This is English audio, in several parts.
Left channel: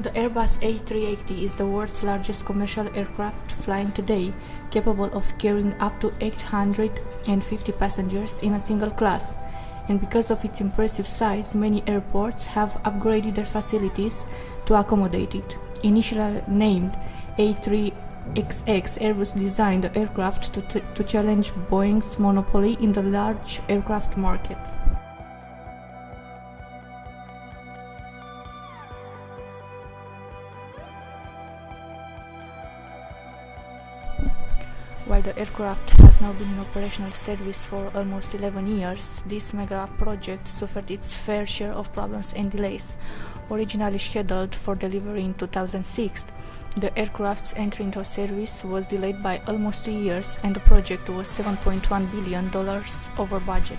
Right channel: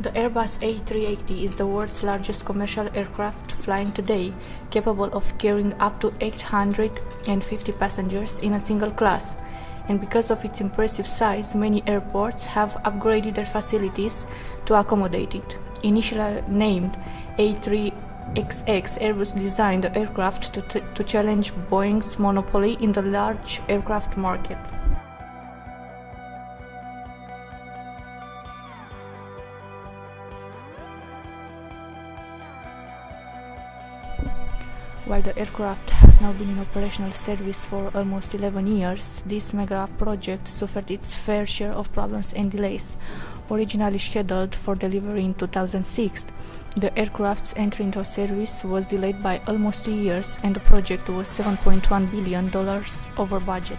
The Airbus A380 is the world's largest commercial aircraft flying today, capable of carrying up to 850 passengers in a single class. And because of its impressive size, many airports have upgraded their facilities to accommodate it. Initially named A3XX, Airbus designed the aircraft to challenge Boeing's monopoly in the large aircraft market. While the aircraft has now been in operational service for almost 11 years, this mega project suffered its fair share of problems and delays. Originally scheduled for delivery in 2006, the aircraft's entry into service was delayed by almost 2 years, and the project was $7.1 billion over budget.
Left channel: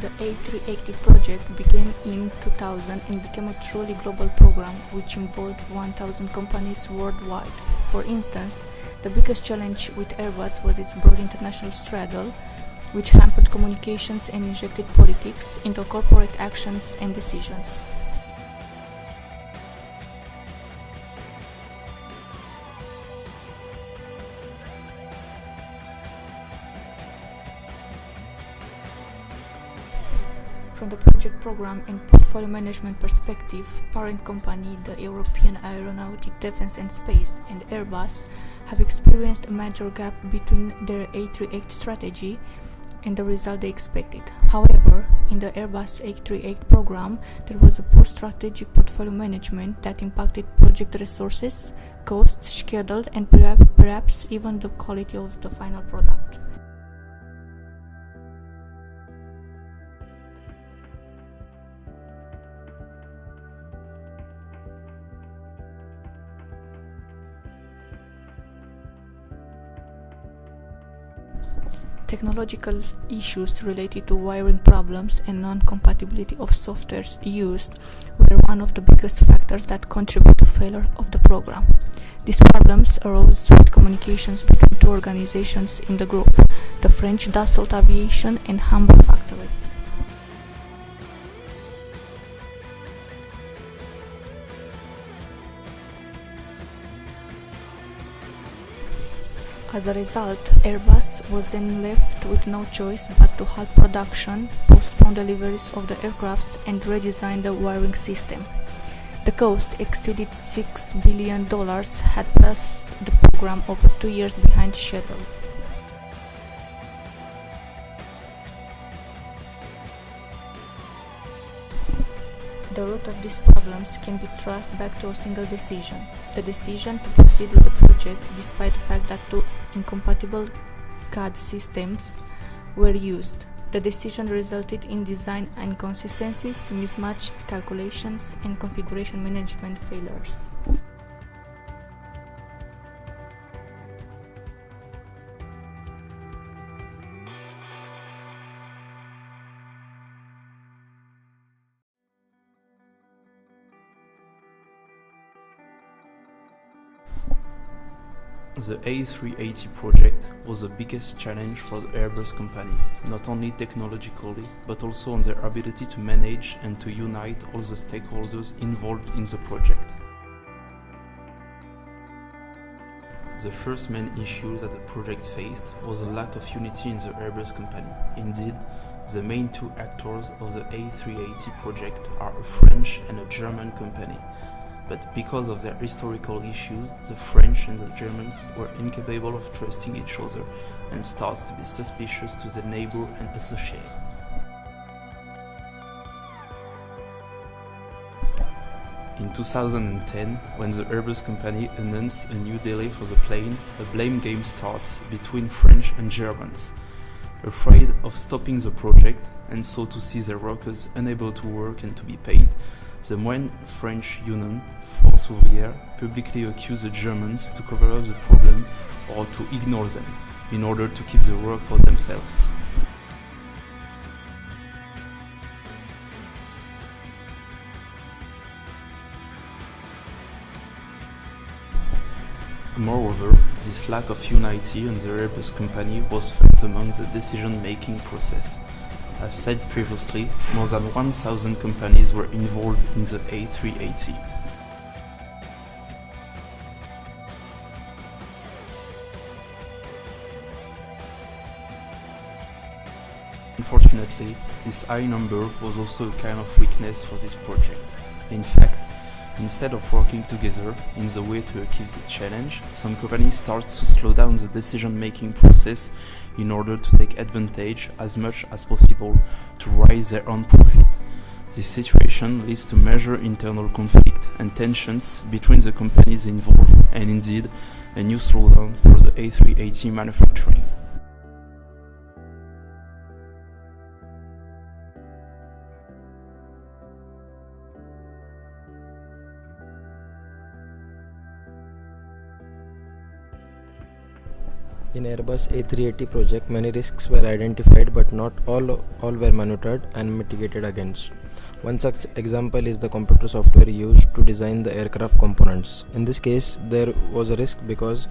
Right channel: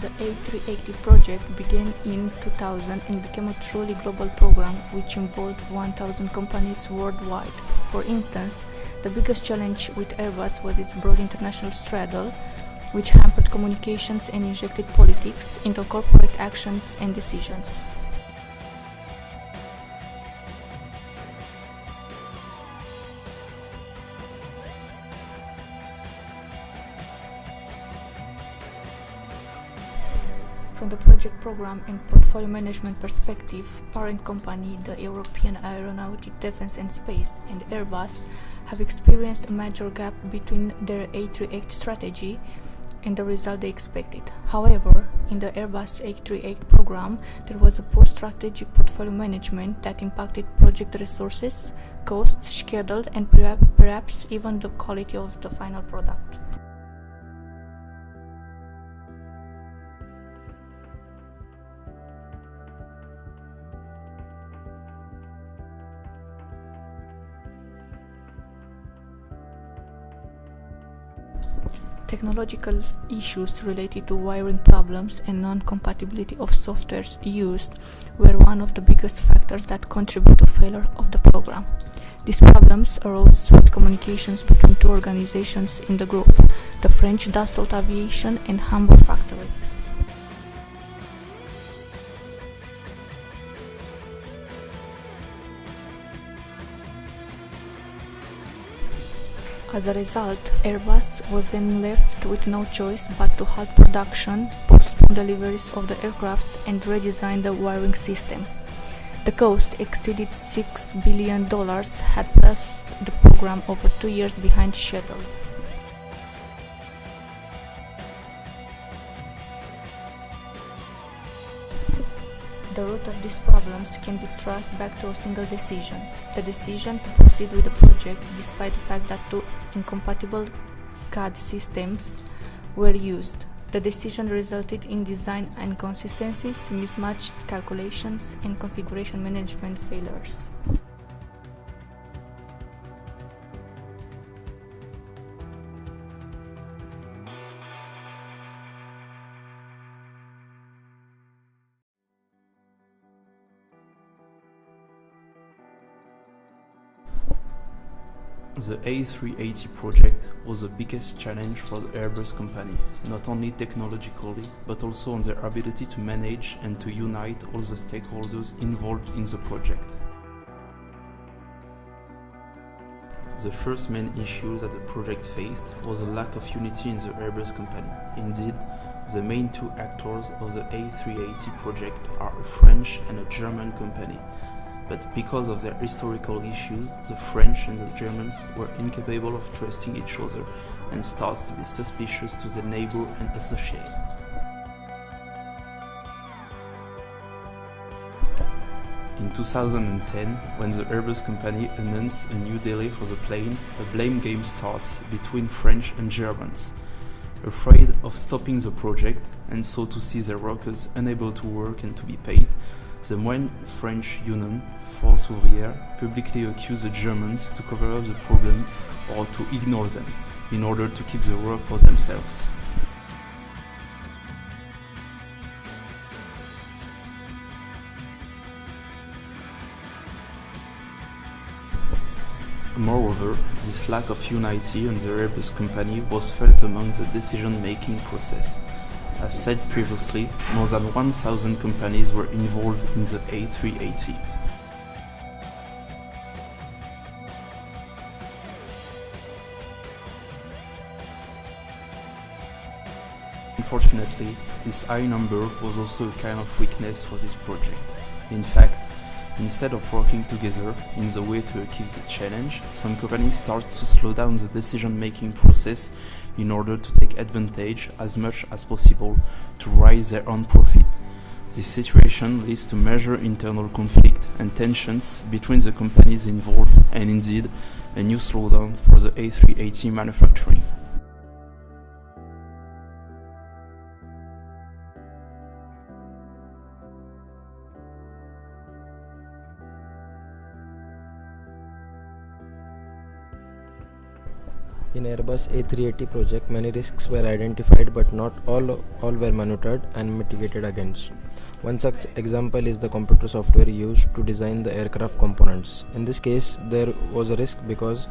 The A380 project began in 2000 and became a truly global program which involved 1,000 companies worldwide. For instance, the biggest challenge with Airbus was its broad international straddle, which hampered communications and injected politics into corporate actions and decisions. From the project program and portfolio management perspective, parent company, the European Aeronautic Defence and Space, and Airbus have experienced a major gap between their A380 strategy and the result they expected. However, in the Airbus A380 program, there was a poor strategic portfolio management that impacted project resources, costs, schedule, and perhaps even the quality of the final product. Technological issues related to wiring problems and non-compatibility of software used were one of the biggest factors that contributed to failure of the program. These problems arose with communications between two organizations in the group, the French Dassault Aviation and Hamburg factory. As a result, Airbus was then left with no choice but to halt production, postpone deliveries of the aircraft, and redesign the wiring system. The cost exceeded $6 billion, had placed the program over 2 years behind schedule. The root of these problems can be traced back to a single decision: the decision to proceed with the project despite the fact that two incompatible CAD systems were used. The decision resulted in design inconsistencies, mismatched calculations, and configuration management failures. The A380 project was the biggest challenge for the Airbus company, not only technologically, but also on their ability to manage and to unite all the stakeholders involved in the project. The first main issue that the project faced was a lack of unity in the Airbus company. Indeed, the main two actors of the A380 project are a French and a German company. But because of their historical issues, the French and the Germans were incapable of trusting each other and started to be suspicious to their neighbor and associate. In 2010, when the Airbus company announced a new delay for the plane, a blame game starts between French and Germans. Afraid of stopping the project, and so to see their workers unable to work and to be paid, the main French union, Force Ouvrière, publicly accused the Germans to cover up the problem or to ignore them, in order to keep the work for themselves. Moreover, this lack of unity in the Airbus company was felt among the decision-making process. As said previously, more than 1,000 companies were involved in the A380. Unfortunately, this high number was also a kind of weakness for this project. In fact, instead of working together in the way to achieve the challenge, some companies start to slow down the decision-making process in order to take advantage as much as possible to raise their own profit. This situation leads to major internal conflict and tensions between the companies involved, and indeed a new slowdown for the A380 manufacturing. In Airbus A380 project, many risks were identified, but not all were monitored and mitigated against. One such example is the computer software used to design the aircraft components. In this case, there was a risk because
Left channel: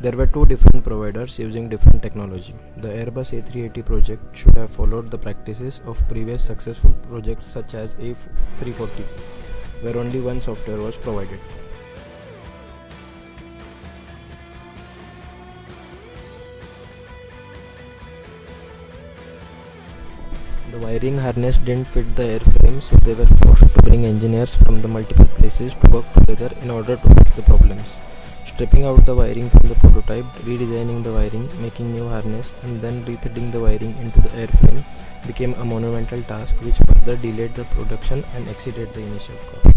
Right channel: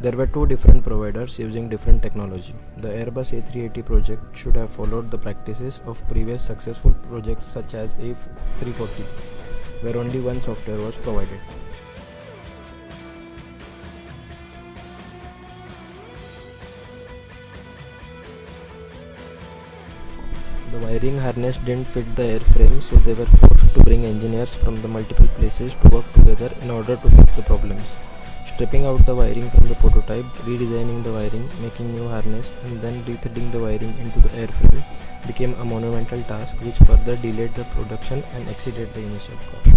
there were two different providers using different technology. The Airbus A380 project should have followed the practices of previous successful projects such as A340, where only one software was provided. The wiring harness didn't fit the airframe, so they were forced to bring engineers from the multiple places to work together in order to fix the problems. Stripping out the wiring from the prototype, redesigning the wiring, making new harness, and then rethreading the wiring into the airframe became a monumental task which further delayed the production and exceeded the initial cost.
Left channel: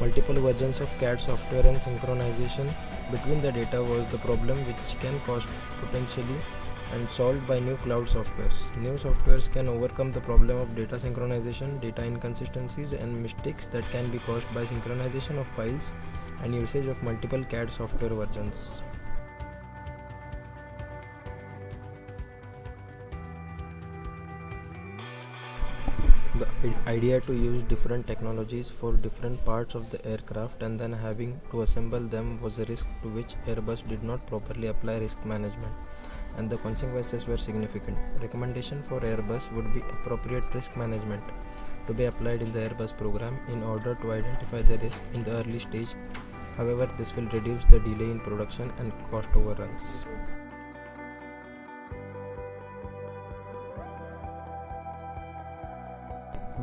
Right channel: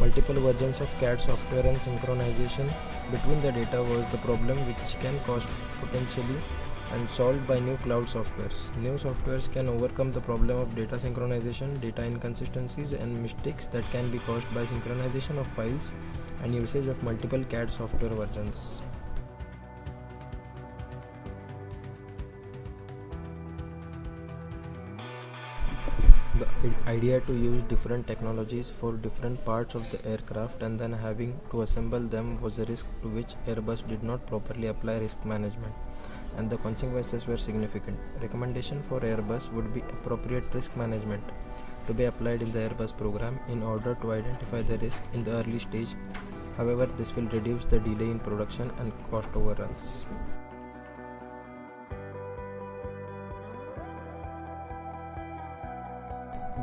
Multiple versions of CAD software and synchronization between the data was the problem, which can cost potentially and solved by new cloud softwares. New softwares can overcome the problem of data synchronization, data inconsistencies, and mistakes that can be caused by synchronization of files and usage of multiple CAD software versions. The idea to use different technologies for different parts of the aircraft and then having to assemble them was a risk to which Airbus did not properly apply risk management, and the consequences were significant. Recommendation for Airbus would be appropriate risk management to be applied in the Airbus program in order to identify the risk in the early stage. However, this will reduce the delay in production and cost overruns.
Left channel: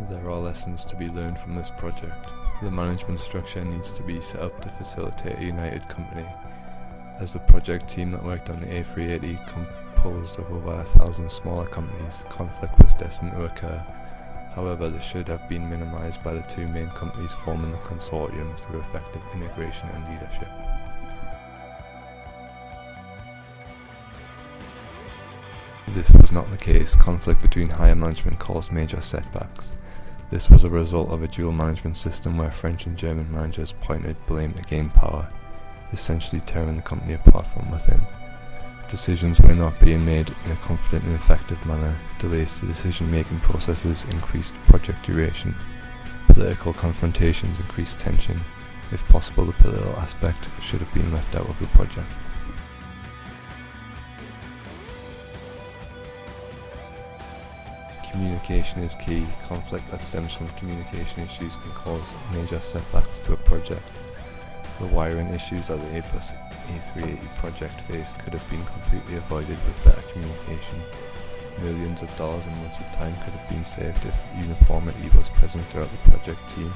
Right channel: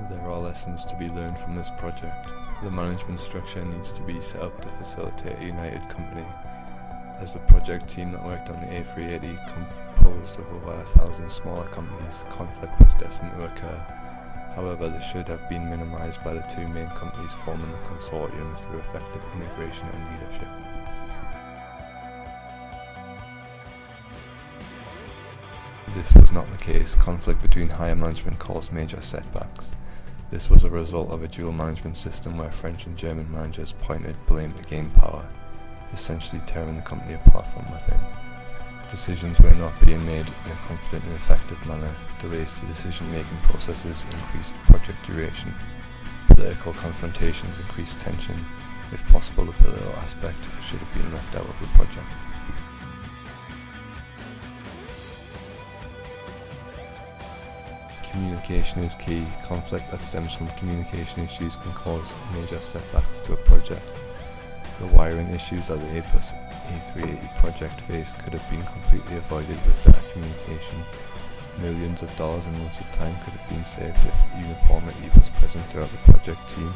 There are lessons to be learned from this project. The management structure needs to be set up to facilitate a united company. As the project team that worked on the A380 composed of over 1,000 smaller companies, conflict was destined to occur. However, this should have been minimized by the two main companies forming the consortium through effective integration and leadership. This was not the case. Conflict between higher management caused major setbacks. This was a result of a dual management system where French and German managers pointed blame to gain power, essentially tearing the company apart from within. Decisions were not being made in a confident and effective manner. Delays to decision-making processes increased project duration. Political confrontations increased tension. If possible, the political aspect should have been left out of the project. Communication is key. Conflict that stems from communication issues can cause major setbacks to a project. The wiring issues that the Airbus A380 project faced could have been completely avoided with better communication. Millions of dollars and months of time could have been saved if uniformity was present throughout the project team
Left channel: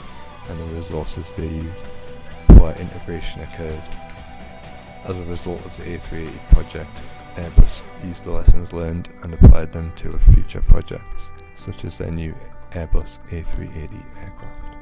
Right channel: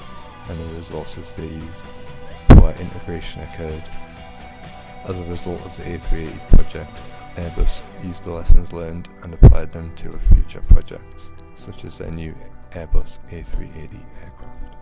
and the resources they used. Poor integration occurred. As a result of the A380 project, Airbus used the lessons learned and applied them to future projects, such as their new Airbus A380 aircraft.